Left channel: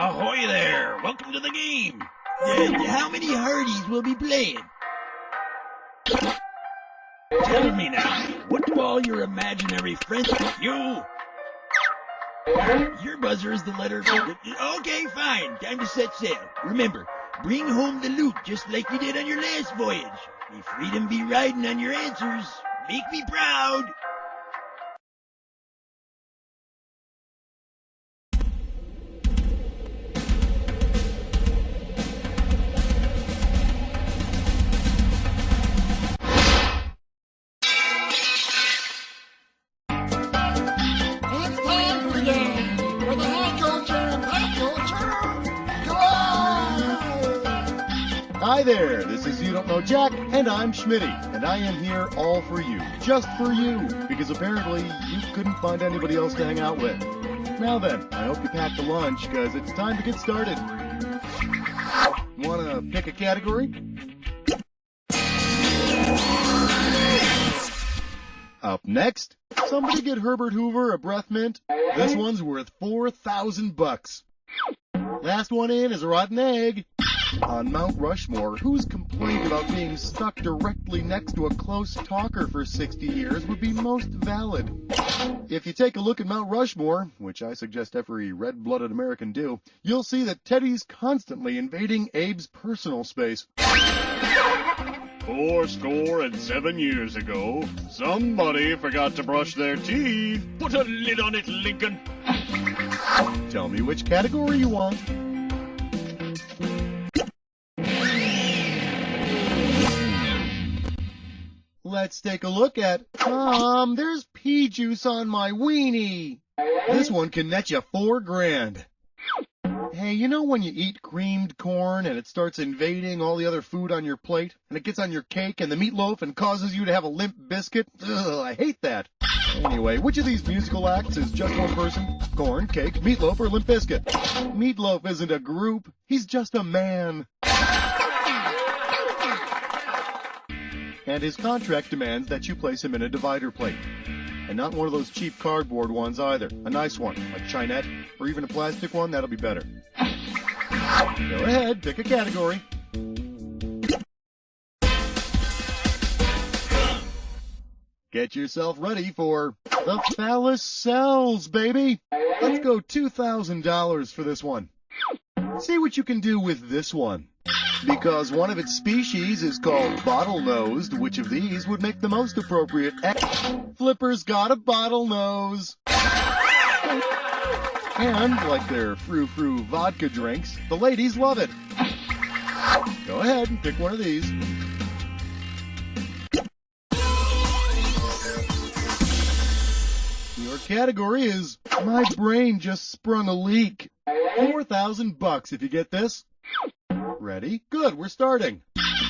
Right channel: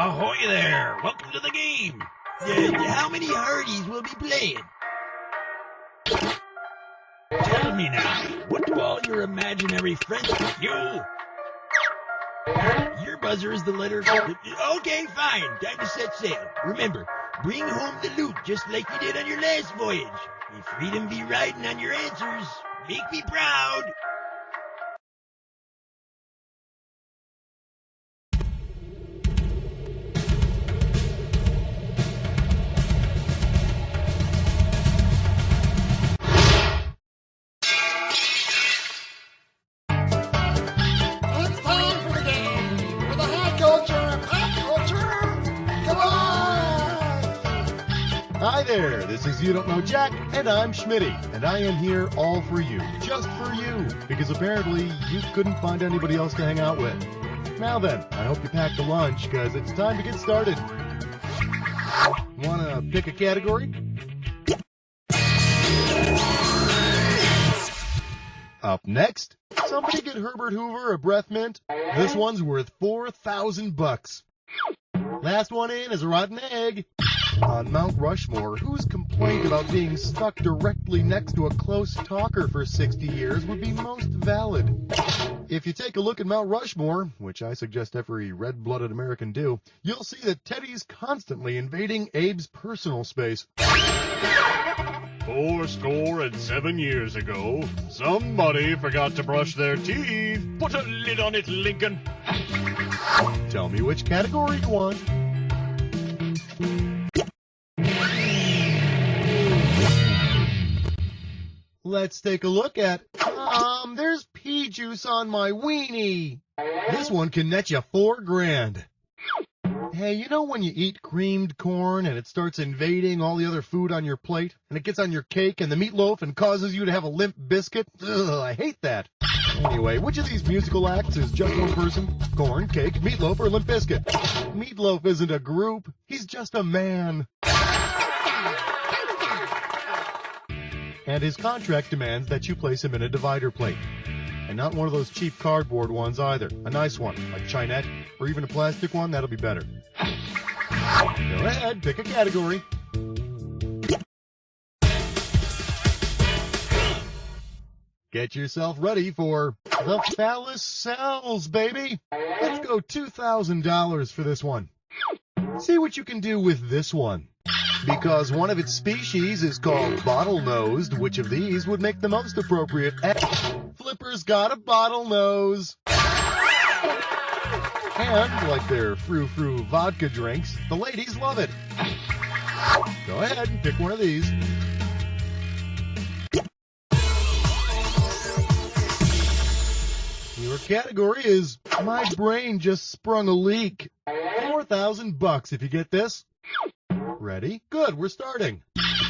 Ahoy there! Welcome to the game! How many Hardys will be playing? Tell me now, what do all your imaginary friends... You! Your buzzer is the letter... Okay, fine. Time to set sail. Remember, bring home the loot just like you did on your last voyage. May freedom be riding on your answers. Make me proud. Hi there, this is You Don't Know Jack, and I'm Schmitty, and I am here all for you, just for you, because apparently you couldn't find anybody else to hang out with. Now then, I hope you packed a lunch, because it's time to get started. Wanna pick a category? Up next, somebody get Herbert Hoover a breath mint. This one's worth $4,000. Last one in is a rotten egg. On Mount Rushmore, whose complaint about being stuck directly next to a close talker for 60 years would be most valid? If you take a look at Mount Rushmore, which I suggest every red-blooded American do, you'll see that Teddy's constantly invading Abe's personal space. 7 years ago, somebody forgot to brush their teeth. Put a lid on it, Lincoln. Tell me which category you want. Let's take a look at, there's pea juice on my weenie. This one can net you $4,000. Hey, you know when you eat creamed corn and it starts invading all the other food on your plate, and it gets on your cake and the meatloaf and causes you to have a limp biscuit? Ugh, I hate that. Anyway, which of these musical acts is just one person? Corn, cake, meatloaf, or limp biscuit? Meatloaf isn't a group. He's just a man. And his contract demands that you place him in a divider plate. And not one of those cheap cardboard ones either. A nice one, like Chinette, or even a plastic one, that'll be better. Go ahead, pick a category. Get yourself ready for the phallus cells, baby. Let's go $2,000 for this one. See what you can do with this one. Because one of its species is called bottlenose, which of these would make the most appropriate? Flipper's got a bottlenose. And, like their frou-frou vodka drinks, the ladies love it. Go ahead and pick one of these. Your category is, my brain just sprung a leak. $4,000 if you get this. Ready? Good, we're starting.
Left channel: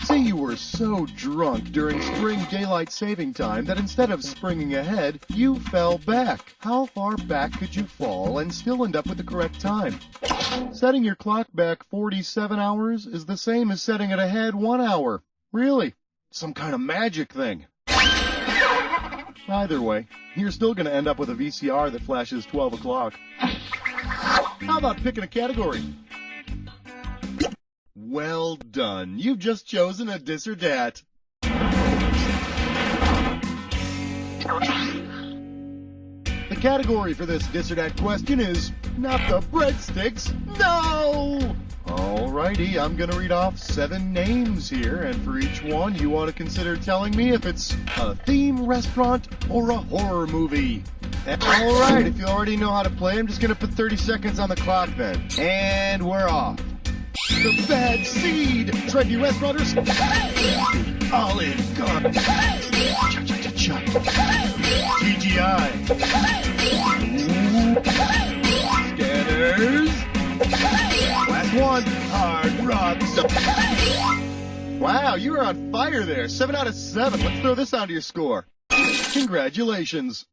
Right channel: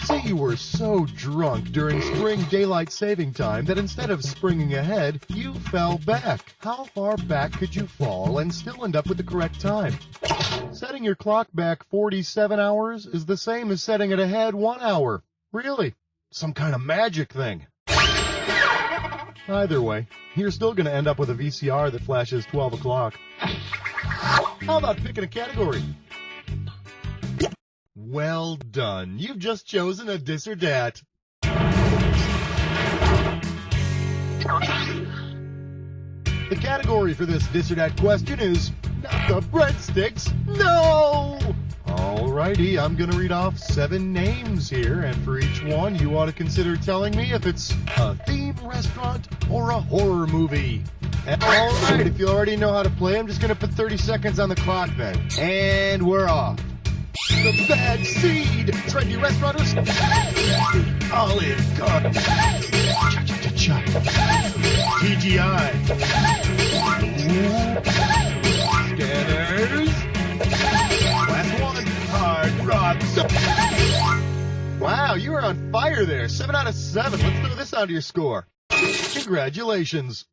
Say you were so drunk during spring daylight saving time that instead of springing ahead, you fell back. How far back could you fall and still end up with the correct time? Setting your clock back 47 hours is the same as setting it ahead 1 hour. Really? Some kind of magic thing. Either way, you're still going to end up with a VCR that flashes 12 o'clock. How about picking a category? Well done. You've just chosen a dis or dat. The category for this dis or dat question is not the breadsticks. No! Alrighty, I'm gonna read off 7 names here, and for each one you ought to consider telling me if it's a theme restaurant or a horror movie. Alright, if you already know how to play, I'm just gonna put 30 seconds on the clock then. And we're off. The Bad Seed, trendy restauranters, Olive Garden, Cha-cha-cha-cha, TGI, Scanners, last one, Hard Rock. Wow, you are on fire there. 7 out of 7. Let's throw this onto your score. Congratulations.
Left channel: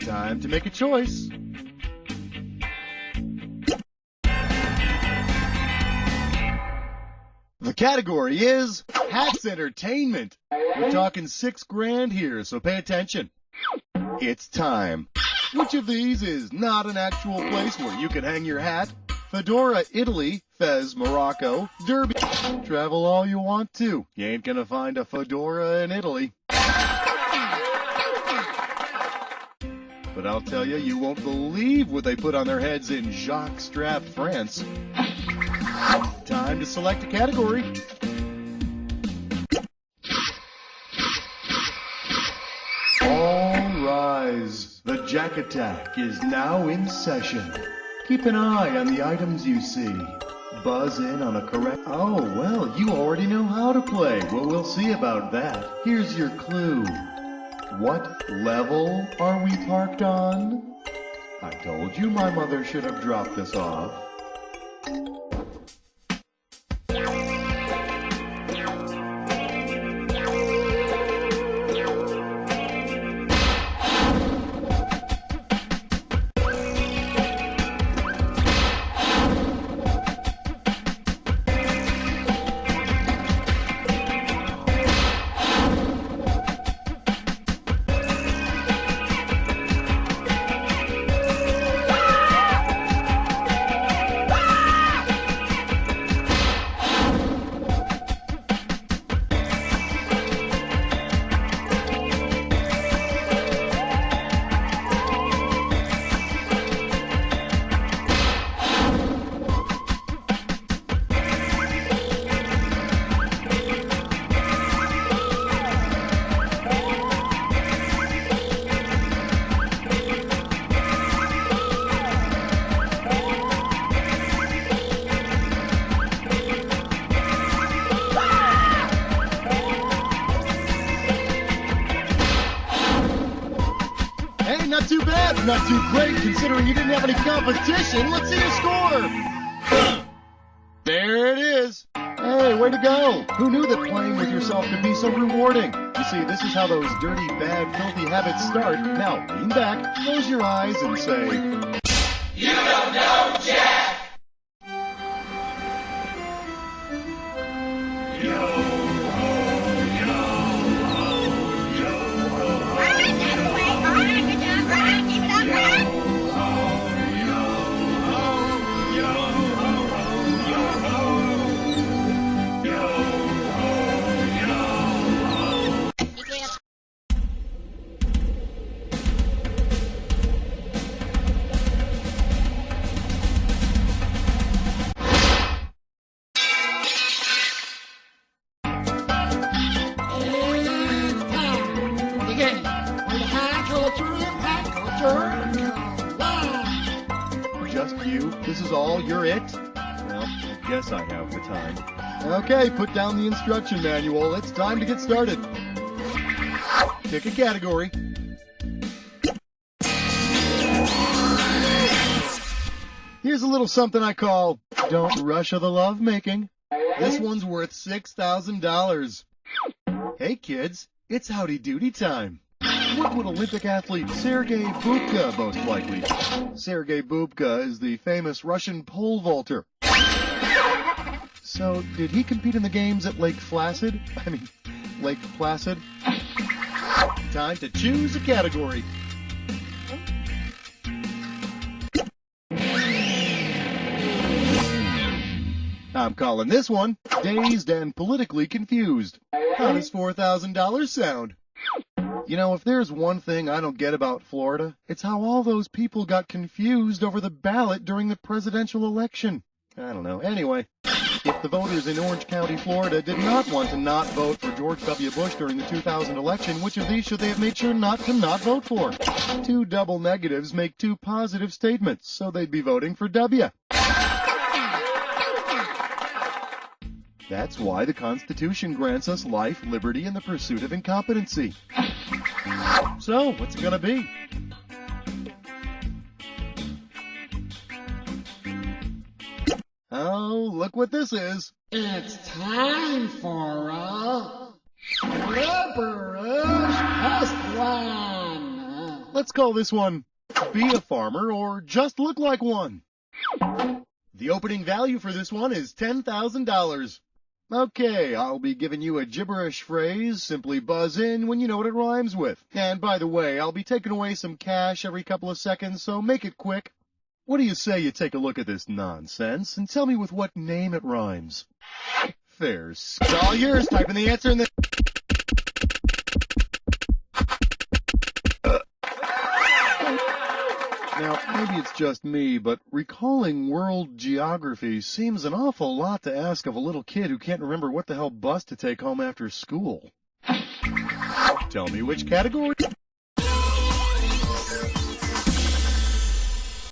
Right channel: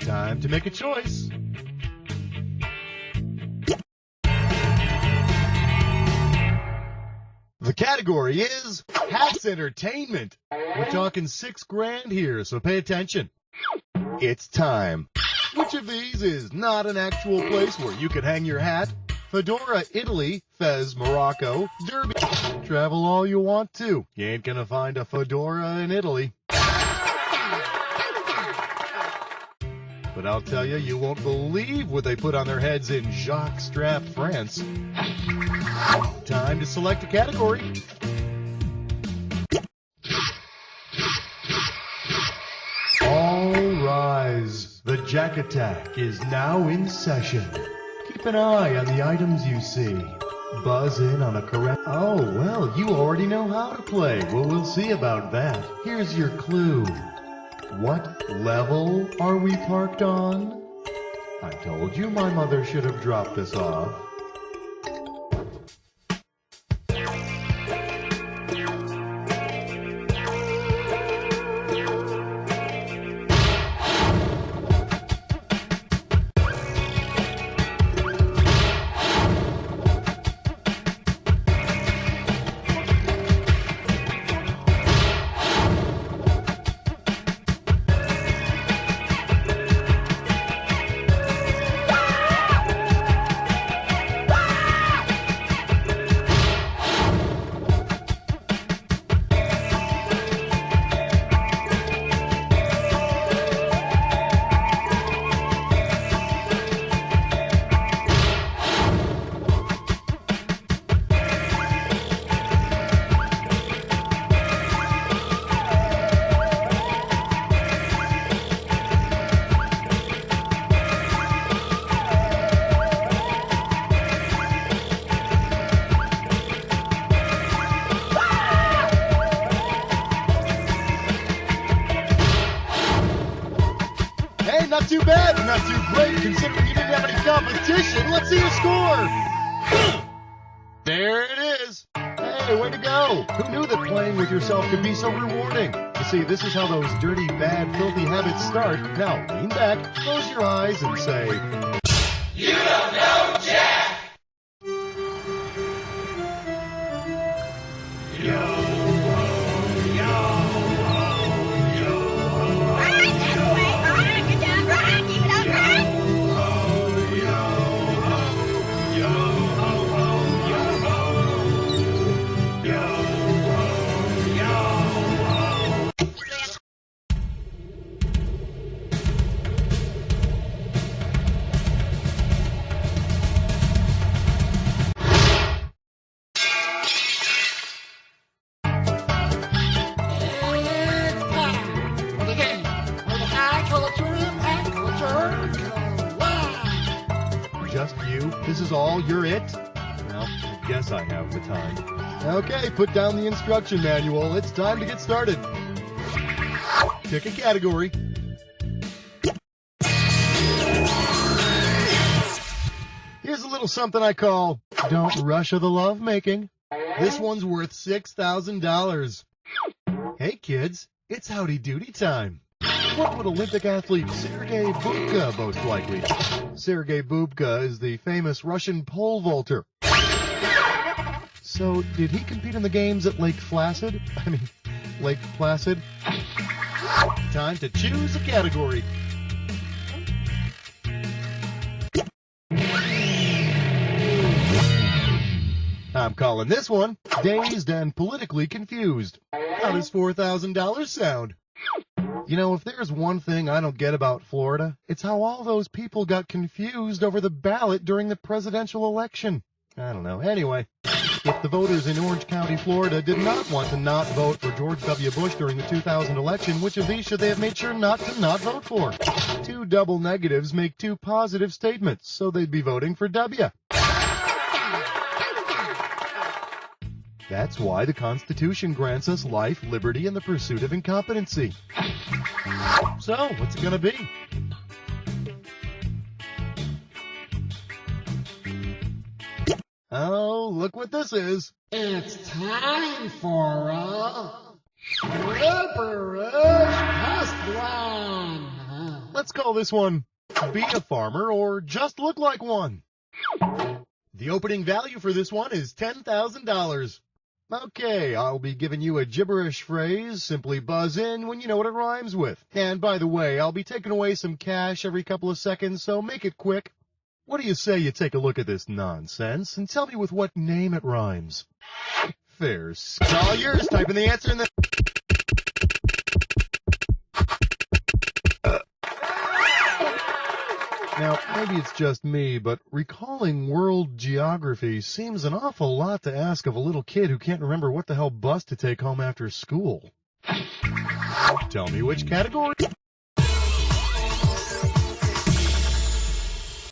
Time to make a choice. The category is Hats Entertainment. We're talking $6,000 here, so pay attention. It's time. Which of these is not an actual place where you can hang your hat? Fedora, Italy. Fez, Morocco. Derby. Travel all you want to. You ain't gonna find a fedora in Italy. But I'll tell you, you won't believe what they put on their heads in jockstrap, France. Time to select a category. All rise. The Jack Attack is now in session. Keep an eye on the items you see. Buzz in on a correct... Oh, well, you already know how to play. Well, we'll see about that. Here's your clue. What level are we parked on? I told you my mother should have dropped this off. Hey, not too bad, not too great, considering you didn't have any competition. Let's see your score. There it is. Hey, way to go. Who knew that playing with yourself could be so rewarding? You see, this is how those dirty, bad, filthy habits start. Now, lean back, close your eyes, and say... You don't know Jack! Just you? This is all? You're it? Well, I guess I have the time. Okay, put down the instruction manual. It's time to get started. Pick a category. Here's a little something I call Don't Rush of the Lovemaking. This one's worth $6,000. Hey kids, it's howdy doody time. What would Olympic athlete Sergei Bubka most likely? Sergei Bubka is the famous Russian pole vaulter. So, did he compete in the games at Lake Placid? Lake Placid? Time to choose a category. I'm calling this one Dazed and Politically Confused. How does $4,000 sound? You know, if there's one thing I don't get about Florida, it's how all those people got confused over the ballot during the presidential election. I don't know. Anyway, if the voters in Orange County, Florida did not want to not vote for George W. Bush during the 2000 election, which of these should they have made sure not to not vote for? Two double negatives make two positive statements, so they'd be voting for W. That's why the Constitution grants us life, liberty, and the pursuit of incompetency. So, what's it gonna be? Oh, look what this is. It's time for a Liberous Test One. Let's call this one Be a Farmer or Just Look Like One. The opening value for this one is $10,000. Okay, I'll be giving you a gibberish phrase. Simply buzz in when you know what it rhymes with. And by the way, I'll be taking away some cash every couple of seconds, so make it quick. What do you say you take a look at this nonsense and tell me with what name it rhymes? Fair. It's all yours. Type in the answer and then... Now, maybe it's just me, but recalling world geography seems an awful lot to ask of a little kid who can't remember what the hell bus to take home after school. Tell me which category.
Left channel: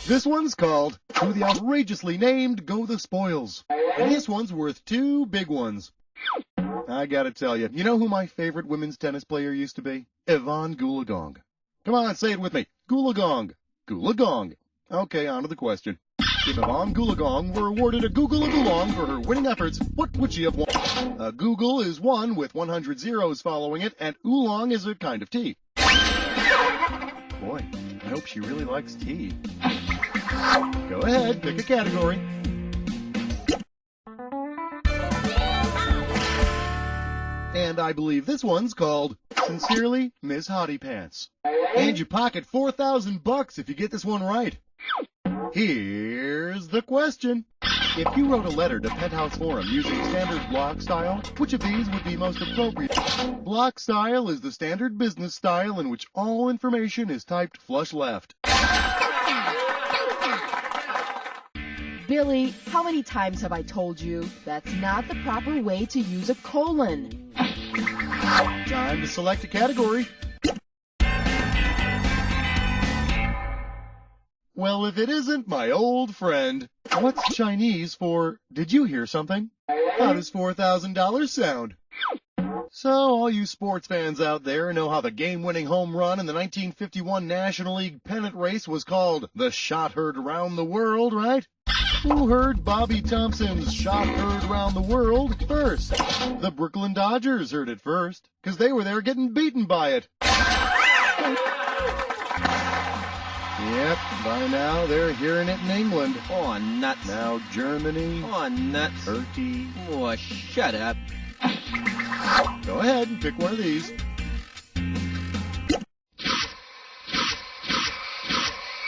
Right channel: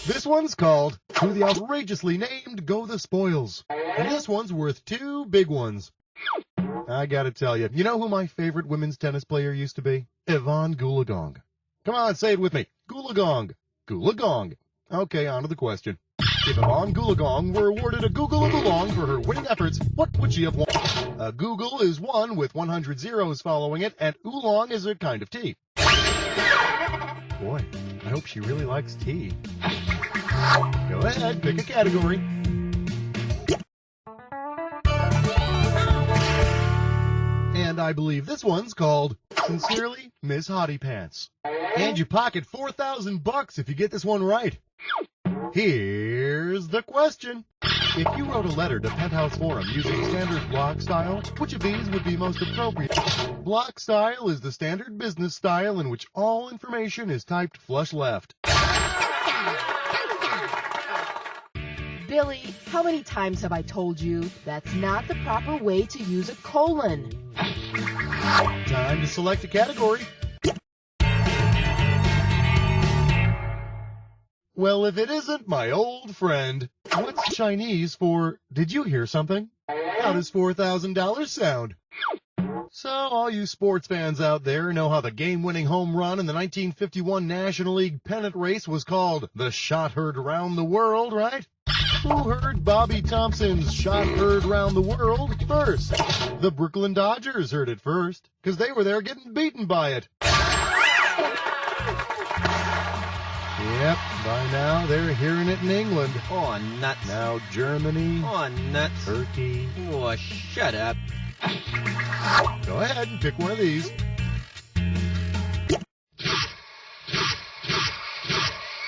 This one's called To the Outrageously Named Go the Spoils. And this one's worth 2 big ones. I gotta tell you, you know who my favorite women's tennis player used to be? Yvonne Goolagong. Come on, say it with me. Goolagong. Goolagong. Okay, on to the question. If Yvonne Goolagong were awarded a Google of Oolong for her winning efforts, what would she have won? A Google is one with 100 zeros following it, and Oolong is a kind of tea. Boy, I hope she really likes tea. Go ahead, pick a category. And I believe this one's called Sincerely, Miss Hottie Pants. And you pocket $4,000 if you get this one right. Here's the question. If you wrote a letter to Penthouse Forum using standard block style, which of these would be most appropriate? Block style is the standard business style in which all information is typed flush left. Billy, how many times have I told you that's not the proper way to use a colon? Time to select a category. Well, if it isn't my old friend, what's Chinese for did you hear something? How does $4,000 sound? So all you sports fans out there know how the game-winning home run in the 1951 National League pennant race was called the shot heard round the world, right? Who heard Bobby Thompson's shot heard round the world first? The Brooklyn Dodgers heard it first, because they were there getting beaten by it. Yep, by now they're hearing it in England. Oh, nuts. Now Germany. Oh, nuts. Turkey. Oh, shut up. Go ahead and pick one of these.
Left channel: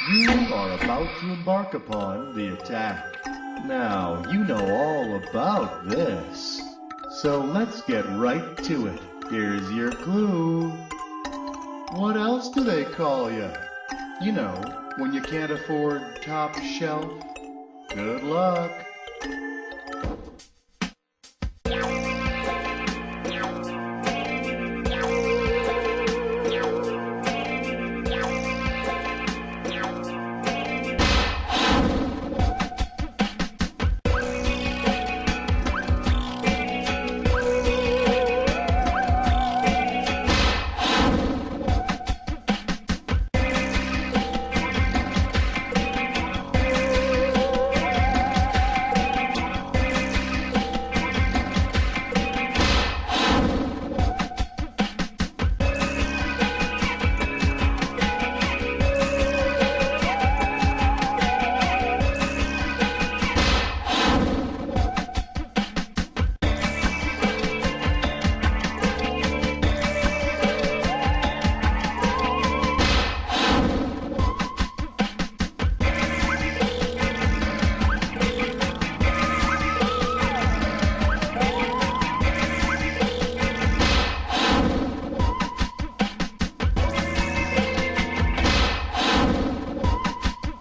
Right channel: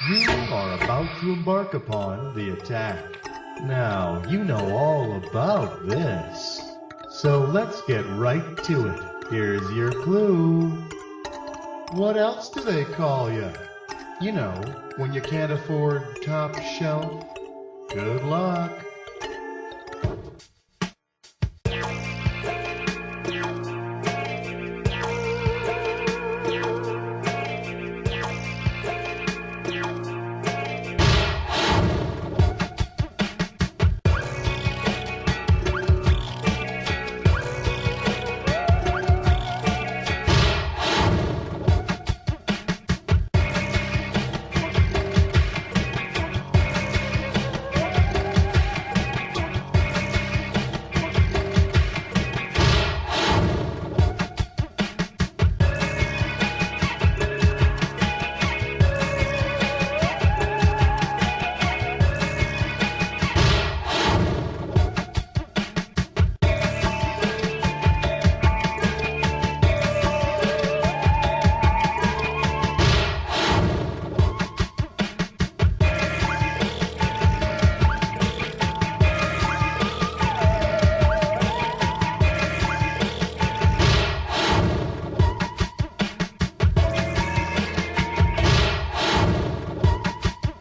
You are about to embark upon the attack. Now, you know all about this. So let's get right to it. Here's your clue. What else do they call you? You know, when you can't afford top shelf. Good luck.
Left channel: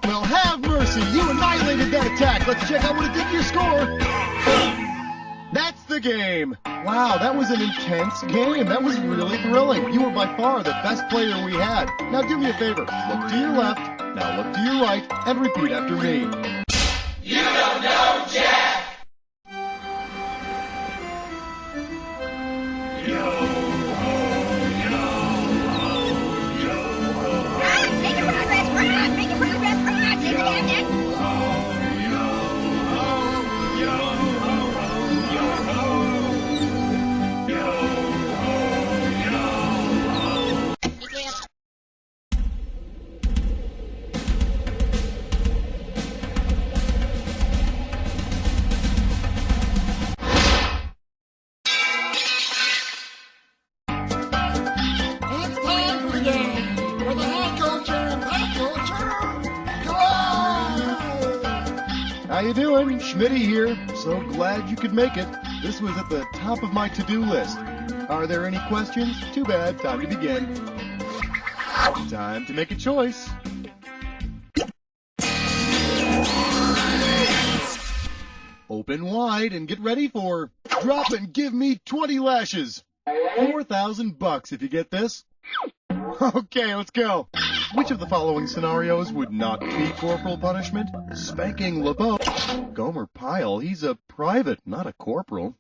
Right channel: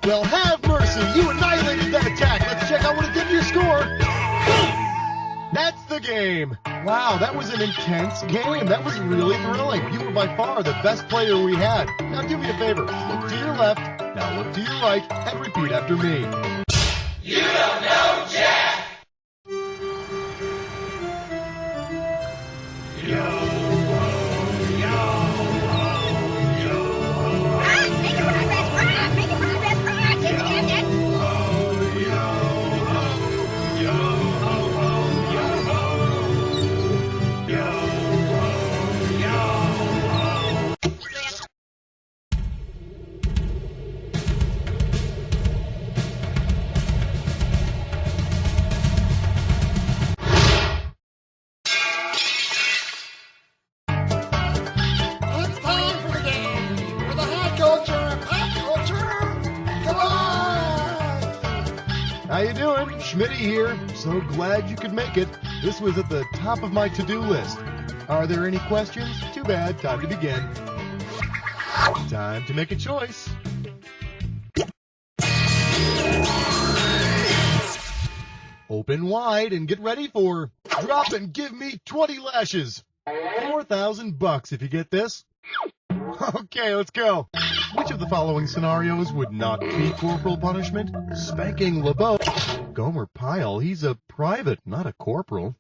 Well, have mercy. You annihilated that attack. Let's check out what it did to your score. That's the game. Wow, that was an intense game. That was really thrilling. You were by far the best player we had. Now do me a favor. Look to your left. Now look to your right. And repeat after me. You don't know Jack! How you doing? Schmitty here. So glad you could make it. This was at the top of my to-do list. Are there any questions? Too bad. Time to begin. Time to make a choice. Open wide and get ready for drop and give me 20 lashes. $4,000 if you get this. Okay, let's go. Which of the following scenarios would not be corporal punishment? Spanking LeBeau. Gomer Pyle, he's a private, not a corporal.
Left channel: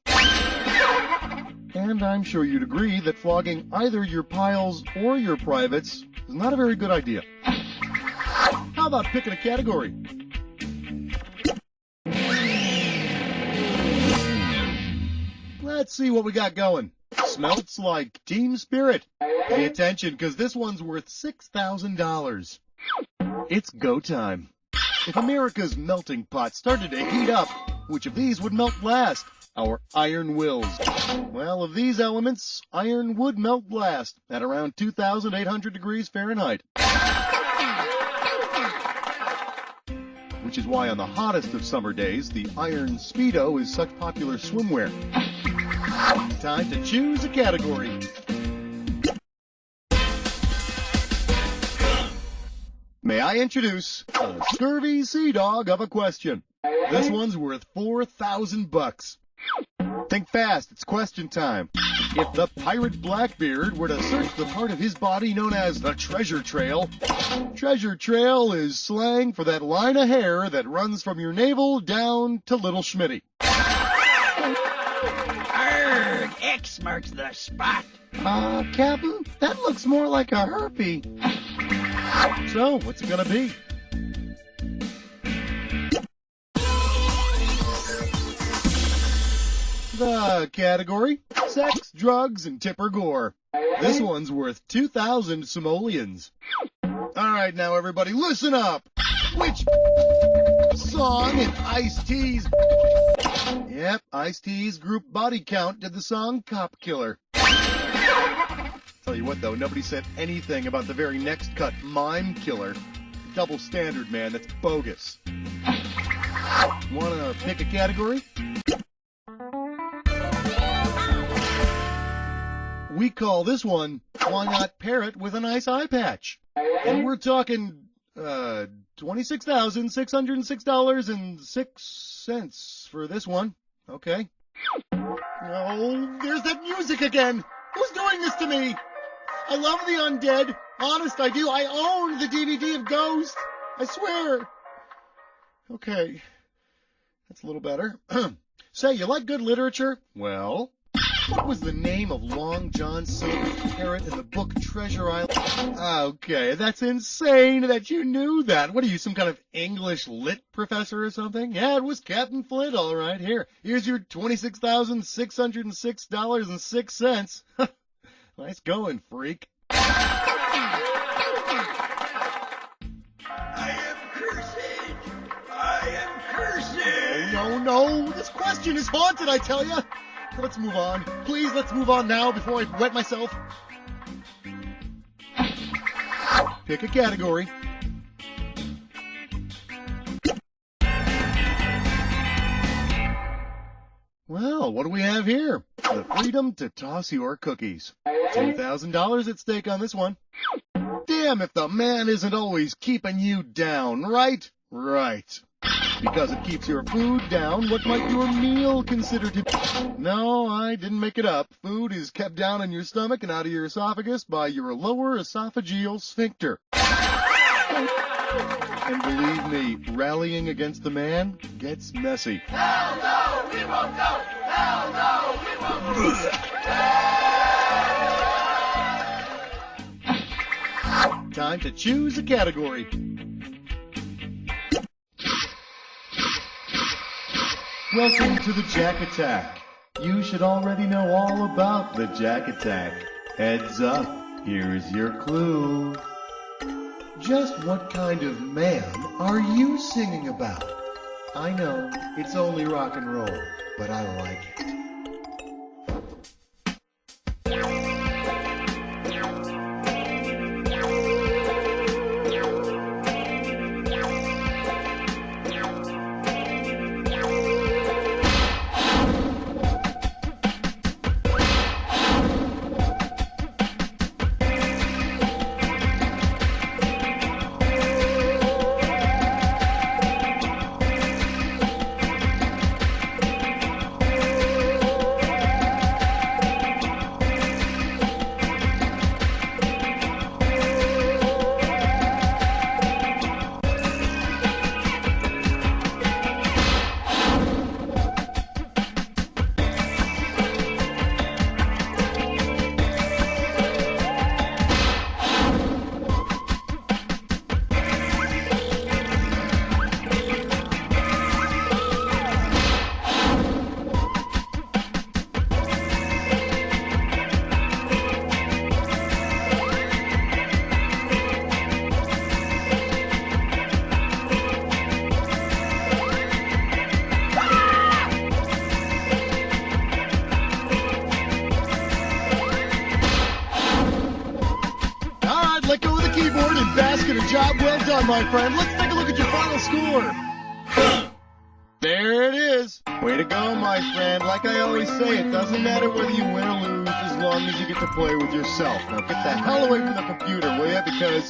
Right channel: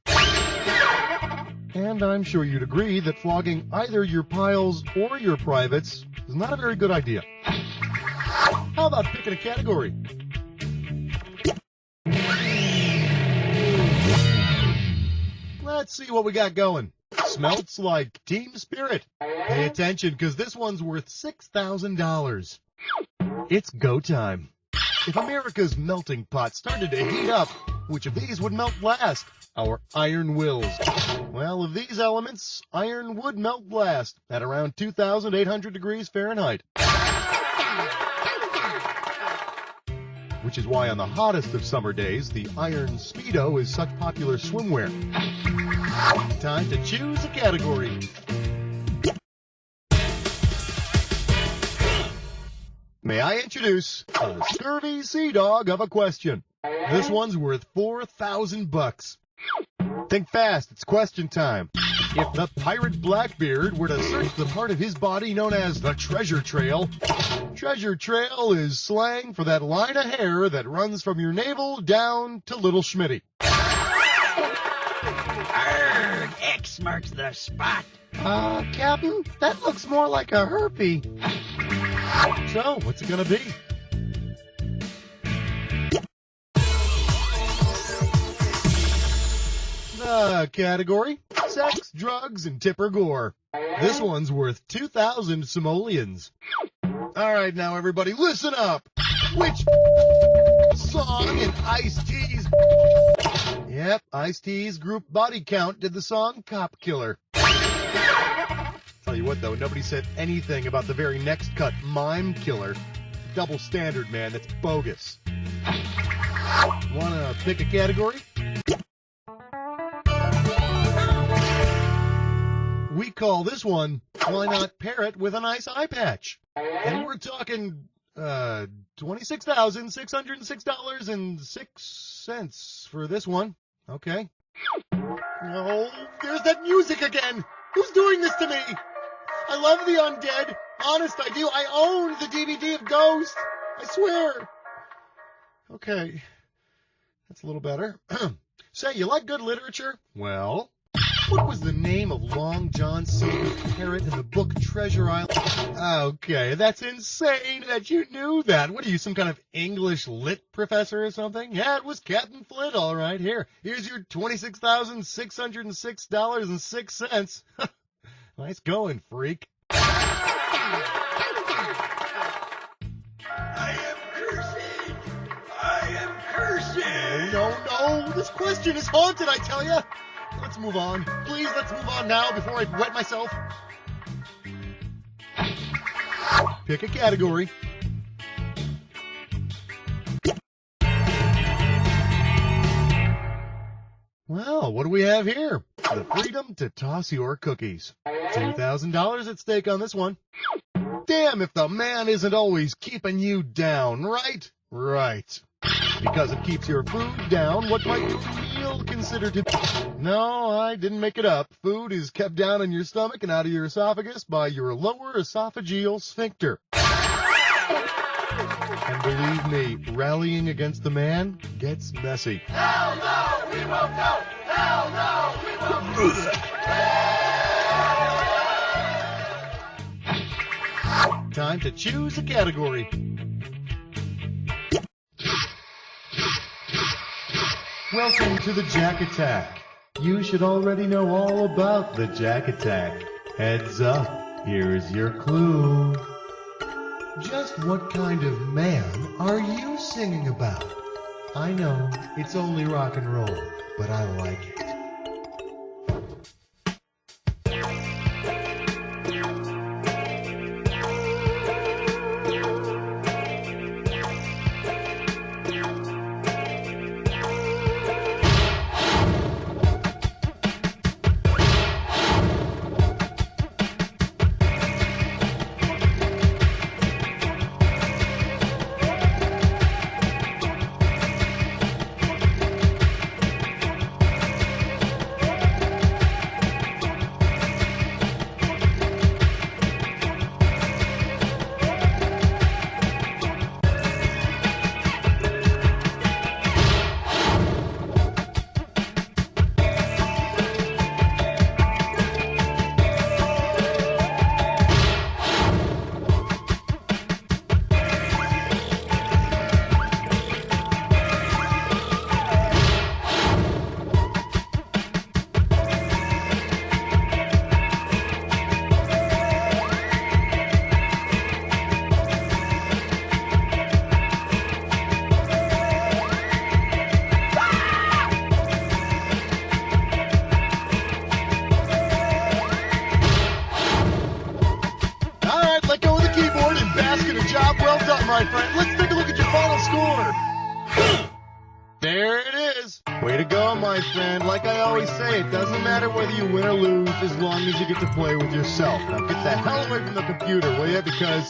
And I'm sure you'd agree that flogging either your Pyles or your privates is not a very good idea. How about picking a category? Let's see what we got going. Smelts like team spirit. Pay attention, because this one's worth $6,000. It's go time. If America's melting pot started to heat up, which of these would melt last? Our iron wills. Well, of these elements, iron would melt last at around 2,800 degrees Fahrenheit. Which is why on the hottest of summer days, the iron Speedo is such popular swimwear. Time to choose a category. May I introduce a scurvy sea dog of a question. This one's worth $4,000. Think fast, it's question time. If the pirate Blackbeard were to search the part of his body known as the treasure trail is slang for that line of hair that runs from your navel down to Little Schmitty. Arrgh, X marks the spot. Captain, that looks more like a herpy. So, what's it gonna be? The category, sex, drugs, and tipper gore. This one's worth 2,000 simoleons. All right, now everybody, listen up. Which song in Ice-T's... Yep, Ice-T's group Body Count did the song Cop Killer. Tell you what, though, nobody said anything about the very next cut, Mime Killer. Double standard, man, that's bogus. Wanna pick a category? We call this one, Why Not Parrot with a Nice Eye Patch? And we're talking, $26,606.06 for this one. Okay. Oh, there's that music again! Who's doing this to me? I love the undead. Honest, I do. I own the DVD of Ghost. I swear. Okay. That's a little better. Say, you like good literature? Well... what was the name of Long John Silver's parrot in the book Treasure Island? Okay, that's insane that you knew that. What are you, some kind of English lit professor or something? Yeah, it was Captain Flint, all right. Here's your $26,606.06. Nice going, freak. I am cursed. I am cursed. No. This question is haunted, I tell you. Let's move on. Please, let's move on now before I wet myself. Pick a category. Well, what do we have here? The freedom to toss your cookies. $2,000 at stake on this one. Damn if the man isn't always keeping you down, right? Right. Because it keeps your food down, what might your meal consider to be? No, I didn't make it up. Food is kept down in your stomach and out of your esophagus by your lower esophageal sphincter. And believe me, rallying against the man gets messy. Hell no, we won't go! Hell no, we won't go! Time to choose a category. Welcome to the Jack Attack. You should already know all about the Jack Attack. Heads up, here is your clue. Just what kind of man are you singing about? I know, it's only rock and roll, but I like it. that, let go of the keyboard, and bask in a job well done, my friend. Let's take a look at your final score. There it is. Way to go, my friend. Like I always say, it doesn't matter whether you win or lose as long as you get to play with yourself. Now get the hell away from the computer, will you? Because